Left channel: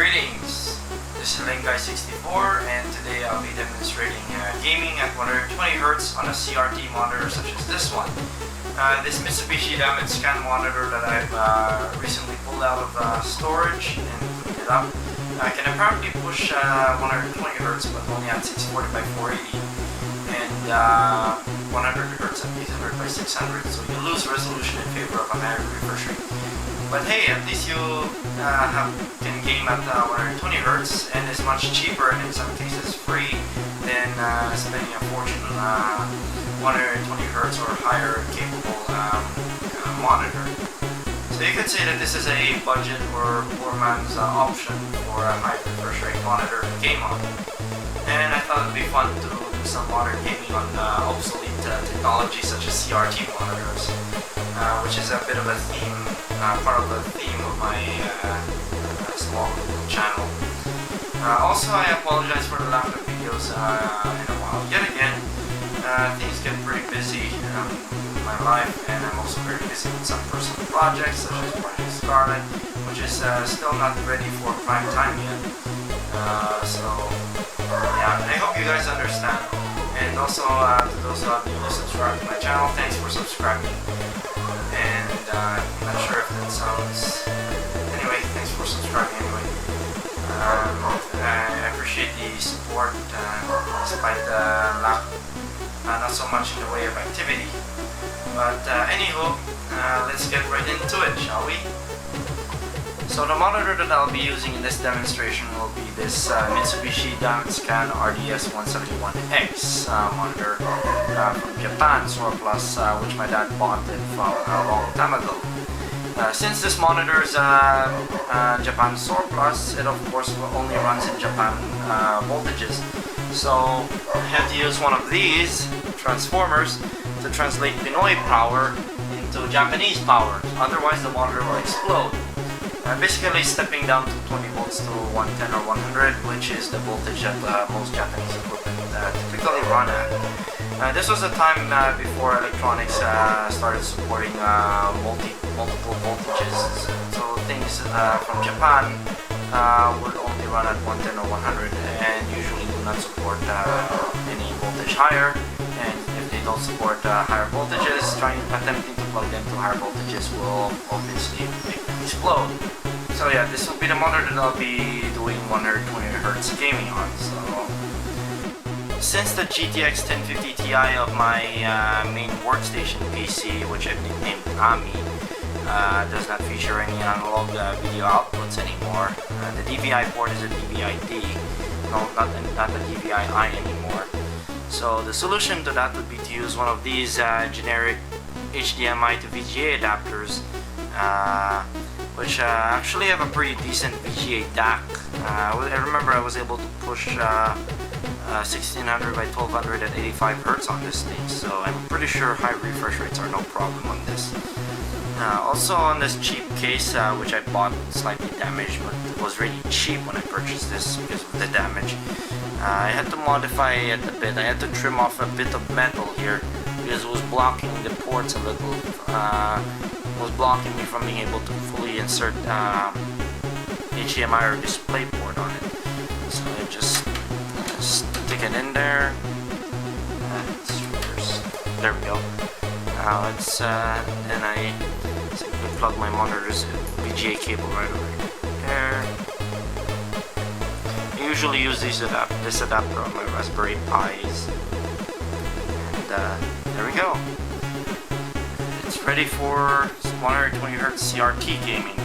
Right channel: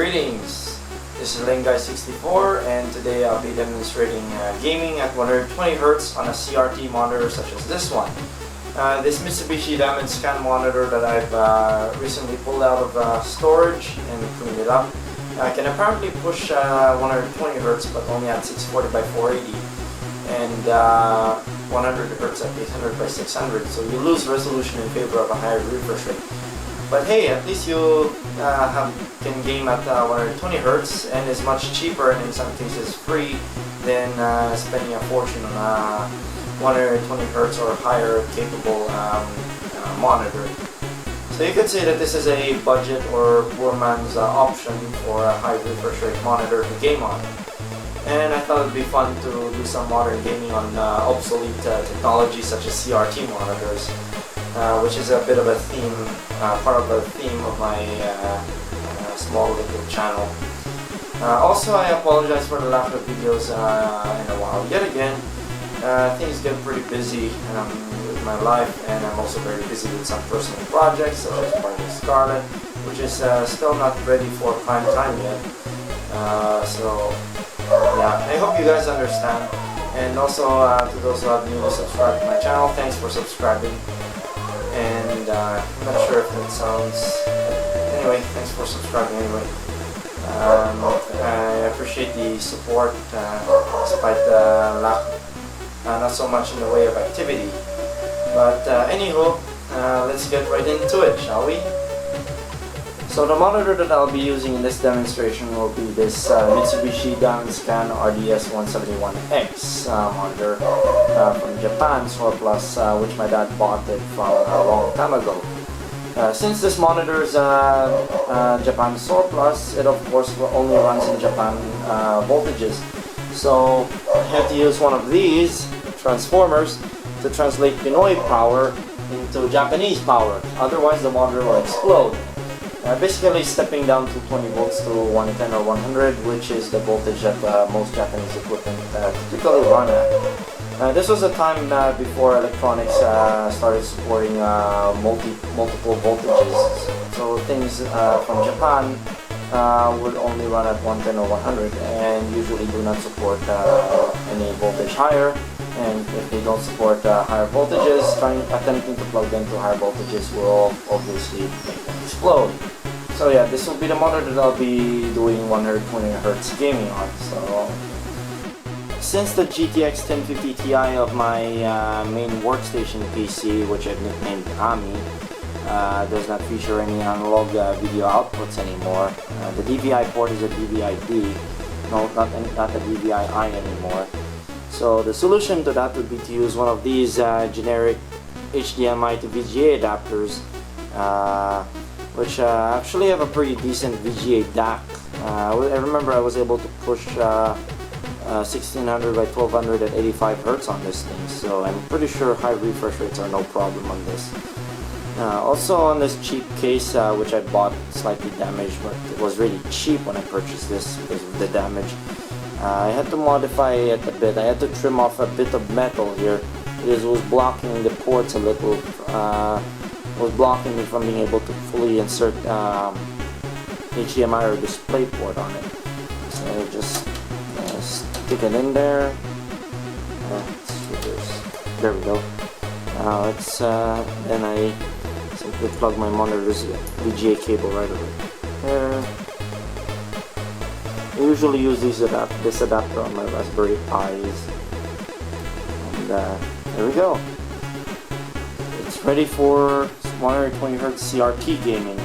Greetings, this is Guy64 and today I'll be demonstrating gaming at 120Hz on a CRT monitor such as this one. This Mitsubishi damage scan monitor that I've recently pulled out of storage and cleaned it up can apparently push 120Hz but only at 640 by 480 and 100Hz at 800 by 600, so you lose resolution in favor of a higher refresh rate. But hey, at least you can game at 120Hz, and it's much cheaper and in some cases free than spending a fortune on a 120Hz or higher capable monitor. So you could say that this is a budget or poor man's option for a high refresh rate monitor to game on. And I thought it would be fun to do some modern gaming on obsolete technology such as CRT monitors. Which is a bit of a theme, part of the theme of my small little channel. Also, I apologize for the lack of videos in a while. Yet again, things get pretty busy with my life, and I'm also very busy with some personal projects such as Project Scarlet, which is still not ready for prime time yet. So yeah, I hope you guys understand. And also to those who have newly subscribed to my channel, thanks for subscribing. And I'm not sure if that sounds... Anyway, thanks for subscribing anyway. I appreciate the support despite the lack, not so much in the way of activity. But anywho, let's get right into it, shall we? So the monitor that I'll be using in this demonstration will be this Mitsubishi Scan RDS171X monitor from Japan, surplus, which my dad bought it from a long time ago. Since this monitor is Japan surplus, it of course only runs in Japan voltages. So I had to use one of these transformers to translate Pinoy power into Japanese power, otherwise the monitor will explode. Basically stepping down to 20 volts to 110 or 100, which is the voltage that most Japanese equipment typically run at. This was a time before electronics started supporting multiple voltages, so things from Japan would only run at 110 or 100 and usually do not support any voltage higher. And if they don't support higher voltages, attempting to plug them to higher voltages will obviously explode. So yeah, this will be the monitor that I'll be doing 120Hz gaming on. So since the GTX 1050 Ti of my main workstation PC, which I've nicknamed Ami, does not feature any analog video outputs anymore, the DVI port is a DVI-D, no, not a DVI-I anymore. So the solution to that would be to use one of these generic HDMI to VGA adapters, which actually have a pretty decent VGA DAC. I remember I was able to push 1600 by 1200 at 85 Hz on this thing, so I'm pretty sure high refresh rates are no problem on this. Also on this cheap case, which I bought slightly damaged, but it was really cheap when I purchased this because of the damage. I had to modify it a bit. I had to trim off a bit of metal here because it was blocking the ports a little. It was blocking me from being able to fully insert HDMI or display port on it. So I just stick it in there. There we go. Now then I simply plug my monitor's VGA cable right over there. I usually use this adapter on my Raspberry Pis, and there we go. It's ready for 120Hz CRT gaming.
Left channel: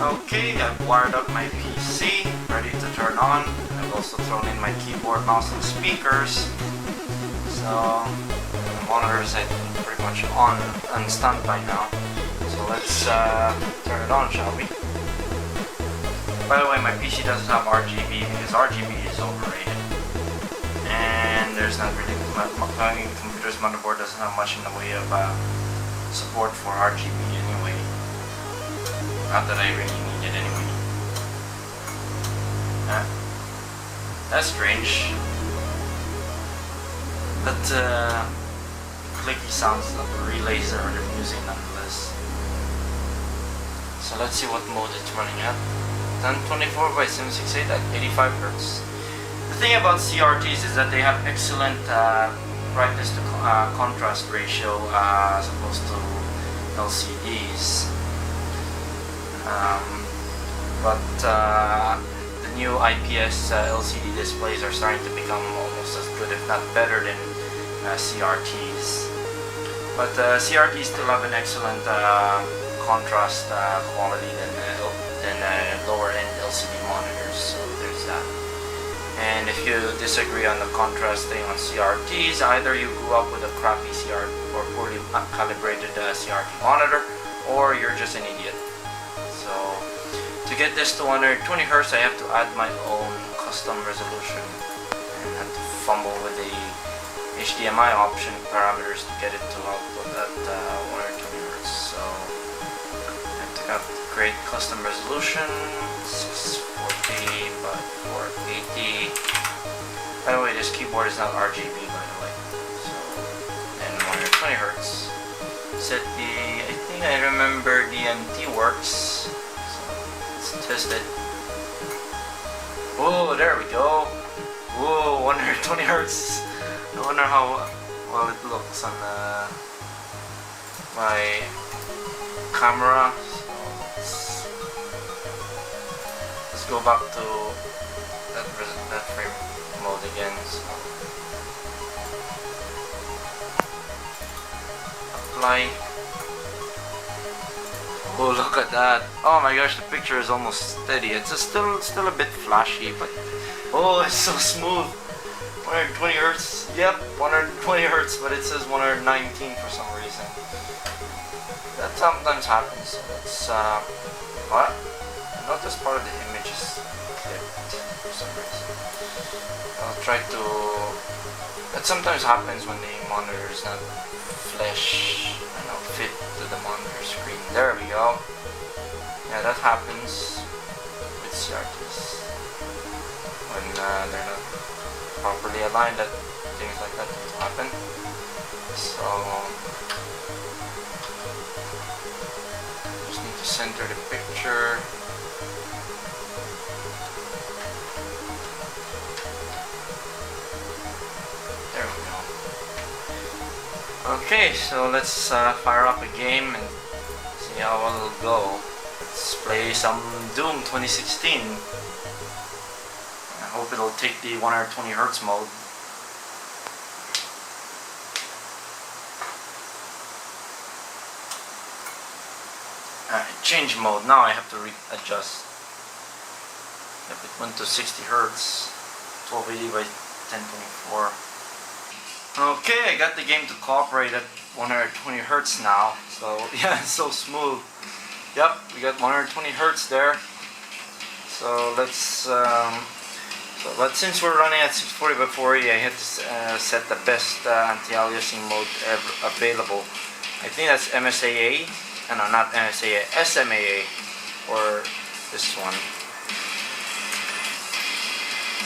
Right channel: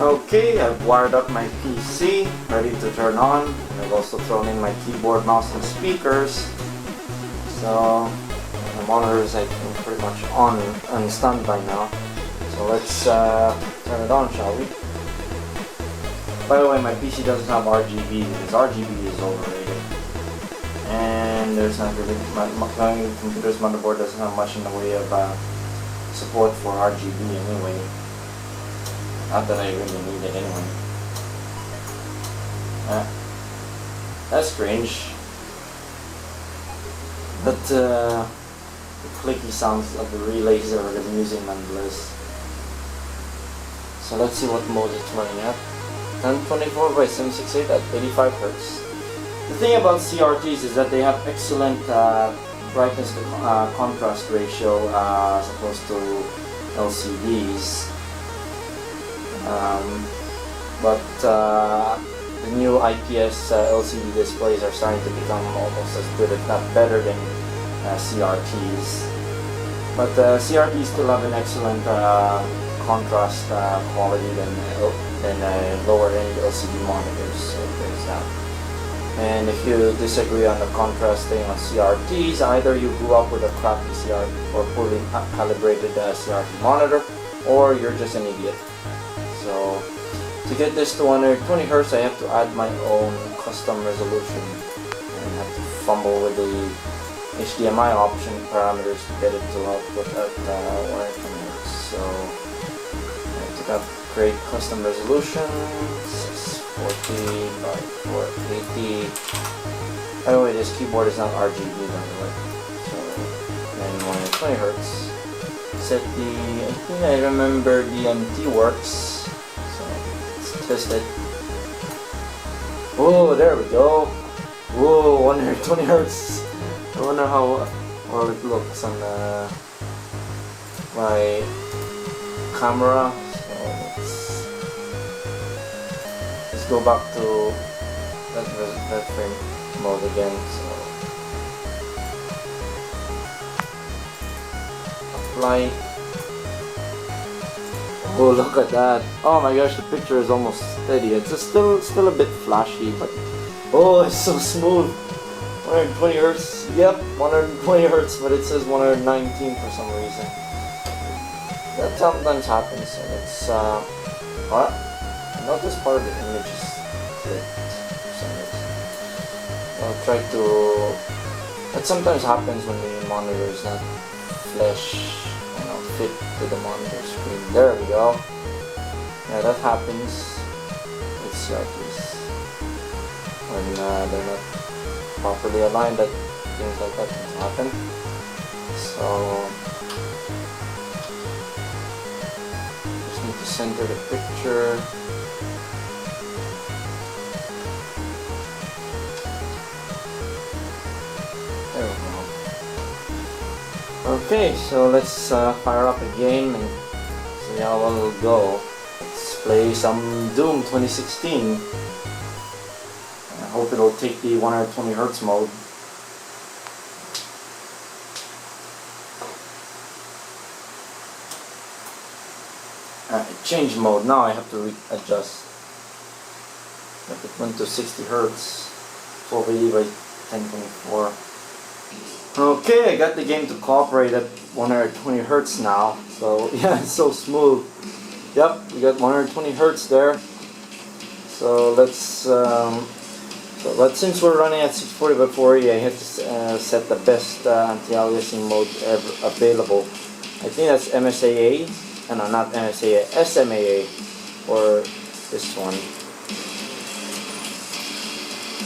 Okay, I've wired up my PC, ready to turn on. I've also thrown in my keyboard, mouse, and speakers. So the monitor is, I think, pretty much on and standby now. So let's turn it on, shall we? By the way, my PC doesn't have RGB because RGB is overrated. And there's not really, my computer's motherboard doesn't have much in the way of support for RGB anyway. Not that I really need it anyway. That's strange. But the clicky sounds of the relays are amusing nonetheless. So let's see what mode it's running at. and 24 by 768 at 85 Hz. The thing about CRTs is that they have excellent brightness to contrast ratio as opposed to LCDs. But the new IPS LCD displays are starting to become almost as good, if not better, than CRTs. But CRTs still have an excellent contrast quality than lower end LCD monitors, so there's that. And if you disagree on the contrast thing on CRTs, either you grew up with a crappy CRT or poorly calibrated CRT monitor, or you're just an idiot. So to get this to 120 Hz, I have to add my own custom resolution and have to fumble with the HDMI option parameters to get it to output at 120 Hz. So I have to create custom resolution 640 by 480. By the way, this keyboard is not RGB, by the way. So then 120 Hz. Set the, I think I remember DMT works. So let's test it. Whoa, there we go. Whoa, 120 Hz. I wonder how well it looks on my camera. So let's go back to that frame mode again. So apply. Oh, look at that! Oh my gosh, the picture is almost steady. It's still a bit flashy, but oh, it's so smooth. 120 Hz. Yep, 120 Hz, but it says 119 for some reason. That sometimes happens. So let's what? Notice part of the image is clipped for some reason. I'll try to. That sometimes happens when the monitor is not flush, fit to the monitor screen. There we go. Yeah, that happens with CRTs when they're not properly aligned. That things like that can happen. So just need to center the picture. There we go. Okay, so let's fire up a game and see how well it'll go. Let's play some Doom 2016. I hope it'll take the 120 Hz mode. Change mode. Now I have to readjust. Yep, it went to 60 Hz, 1280 by 1024. Okay, I got the game to cooperate at 120 Hz now. So yeah, it's so smooth. Yep, we got 120 Hz there. So let's. But since we're running at 640 by 480, I had to set the best anti-aliasing mode ever available. I think that's MSAA. No, not MSAA, SMAA, or this one.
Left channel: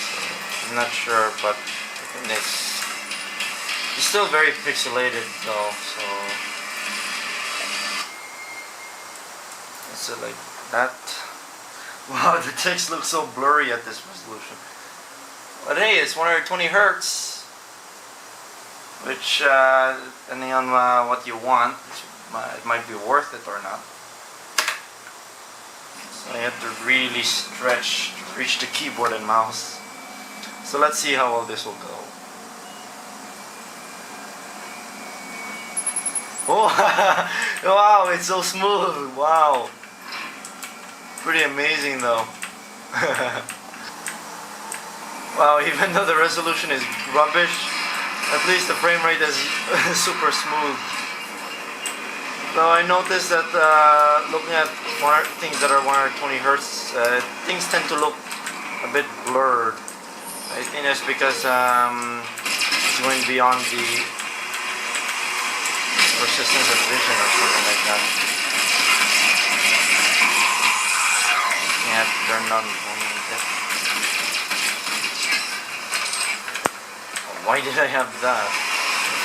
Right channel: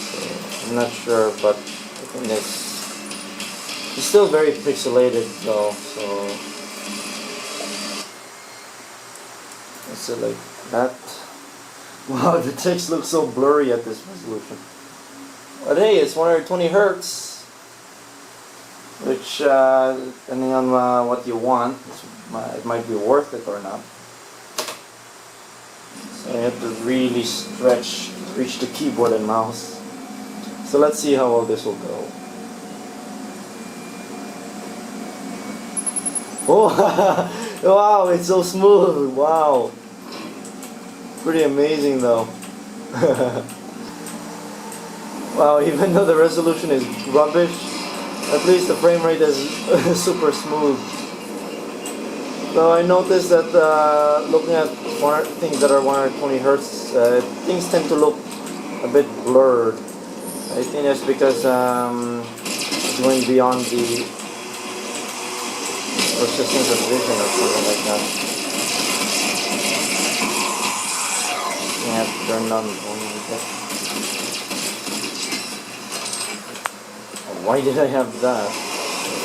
So, I'm not sure, but I think it's still very pixelated though. So let's say like that. Wow, the text looks so blurry at this resolution. But hey, it's 120 Hz, which depending on what you want, it might be worth it or not. So you have to really stretch to reach the keyboard and mouse. So let's see how well this will go. Oh, wow, it's so smooth. Wow, pretty amazing though. Wow, even though the resolution is rubbish, at least the frame rate is super smooth. So I noticed that looking at things that are 120 Hz, things tend to look a bit blurred. I think that's because it's going beyond the persistence of vision or something like that. Yeah, turn on that. Why did I have that? I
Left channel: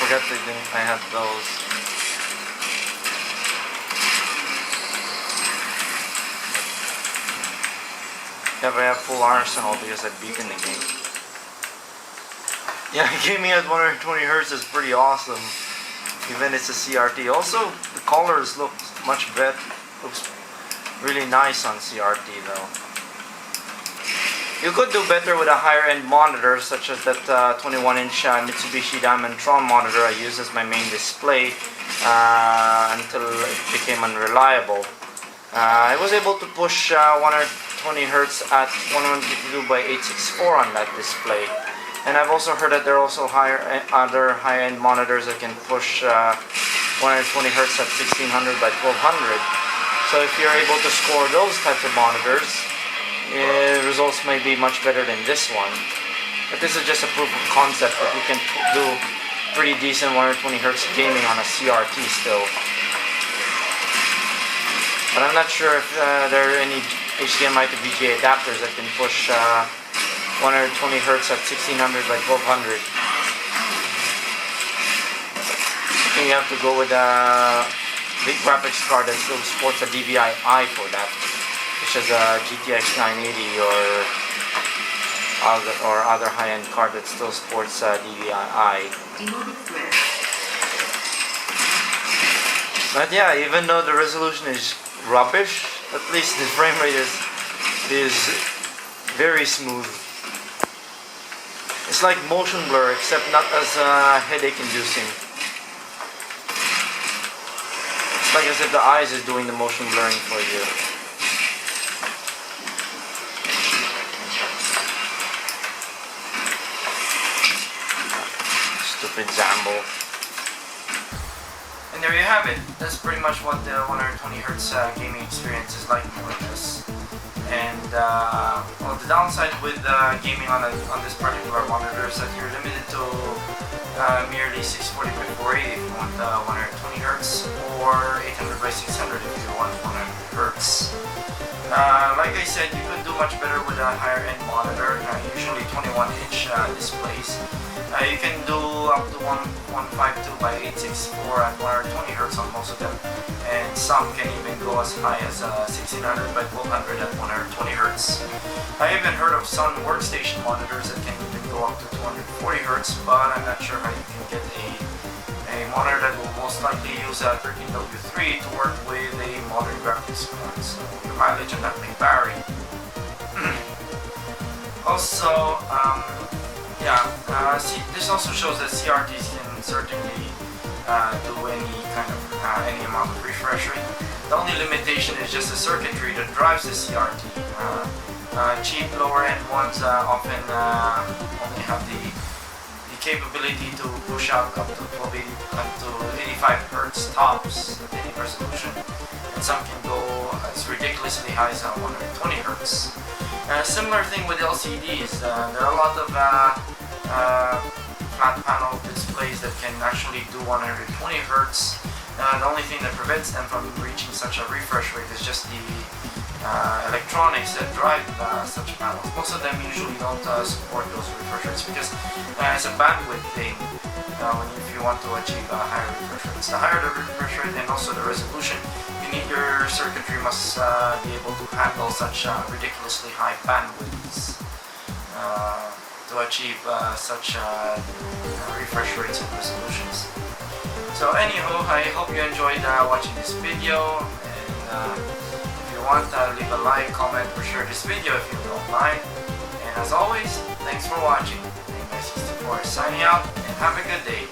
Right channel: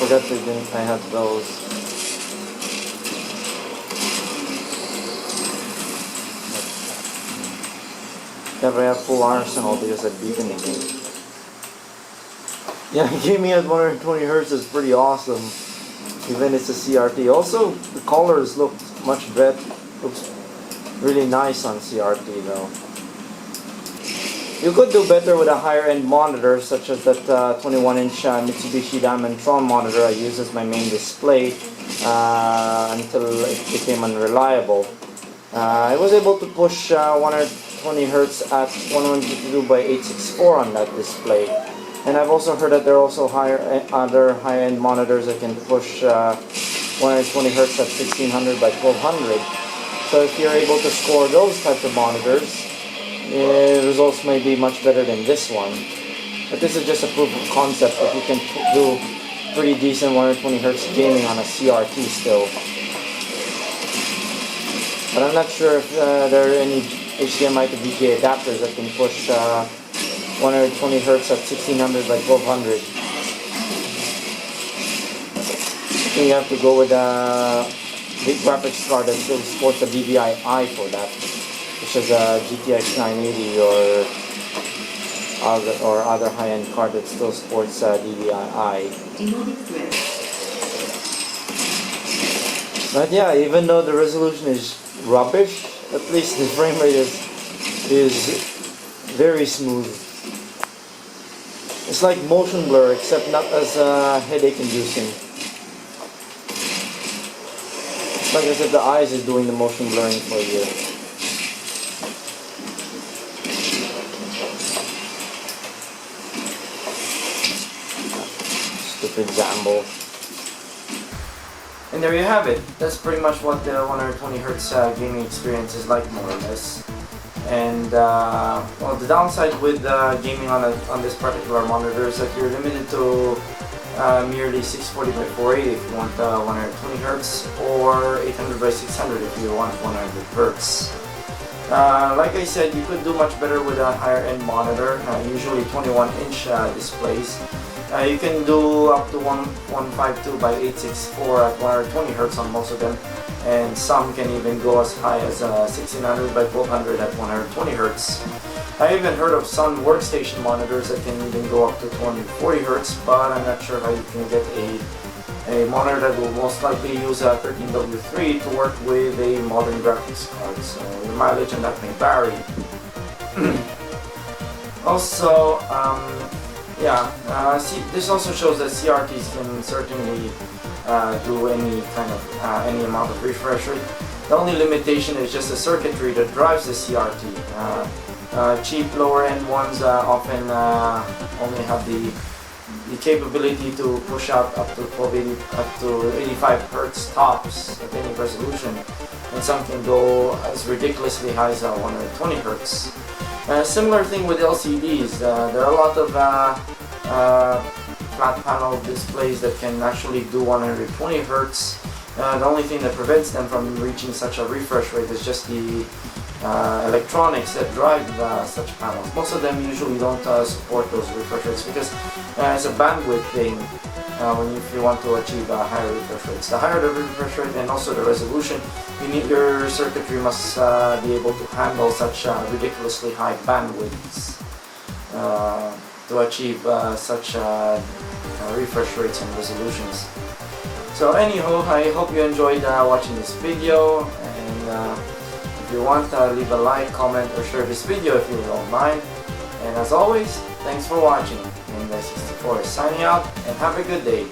forgot that I had those. Yeah, but I have full arsenal because I beat in the game. Yeah, gaming at 120 Hz is pretty awesome. Even it's a CRT. Also, the colors look much better. Looks really nice on CRT though. You could do better with a higher end monitor, such as that 21-inch Mitsubishi Diamondtron monitor I use as my main display until it became unreliable. I was able to push 120 Hz at 1152 by 864 on that display. And I've also heard that there are also other high-end monitors that can push 120 Hz at 1600 by 1200. So if you're able to score those types of monitors, results may be much better than this one. But this is just a proof of concept that you can do pretty decent 120 Hz gaming on a CRT still. But I'm not sure if there are any HDMI to VGA adapters that can push 120 Hz at 1600 by 1200. I think you have to go with a big graphics card that still supports a DVI-I for that, such as a GTX 980 or other high-end card that still supports DVI-I. But yeah, even though the resolution is rubbish, at least the frame rate is very smooth. It's like motion blur, except not as headache-inducing. It's like as if the eyes is doing the motion blurring for you. Stupid Zambo. And there you have it. That's pretty much what the 120 Hz gaming experience is like, more or less. And well, the downside with gaming on this particular monitor is that you're limited to merely 640 by 480 if you want 120 Hz, or 800 by 600 if you want 100 Hz. Like I said, you could do much better with a higher end monitor, usually 21-inch displays. You can do up to 152 by 864 at 120 Hz on most of them, and some can even go as high as 1600 by 1200 at 120 Hz. I even heard of some workstation monitors that can even go up to 240 Hz, but I'm not sure how you can get a monitor that will most likely use a 13W3 to work with a modern graphics card, so your mileage on that may vary. Also, this also shows that CRTs can certainly do any kind of any amount of refresh rate. The only limitation is just the circuitry that drives the CRT. Cheap lower end ones often only have the capability to push out up to 85 Hz tops at any resolution, and some can go as ridiculously high as 120 Hz. Similar thing with LCDs. There are a lot of flat panel displays that can actually do 120 Hz. The only thing that prevents them from reaching such a refresh rate is just the electronics that drive such panels. Most of them usually don't support those refresh rates because it's a bandwidth thing if you want to achieve higher refresh rates. The higher the refresh rate and also the resolution, your circuitry must be able to handle such ridiculously high bandwidths to achieve such refresh rates and resolutions. So anyhow, I hope you enjoyed watching this video, and if you want, leave a like, comment, or share this video if you don't mind. And as always, thanks for watching. I'm Guy64 signing out, and have a good day.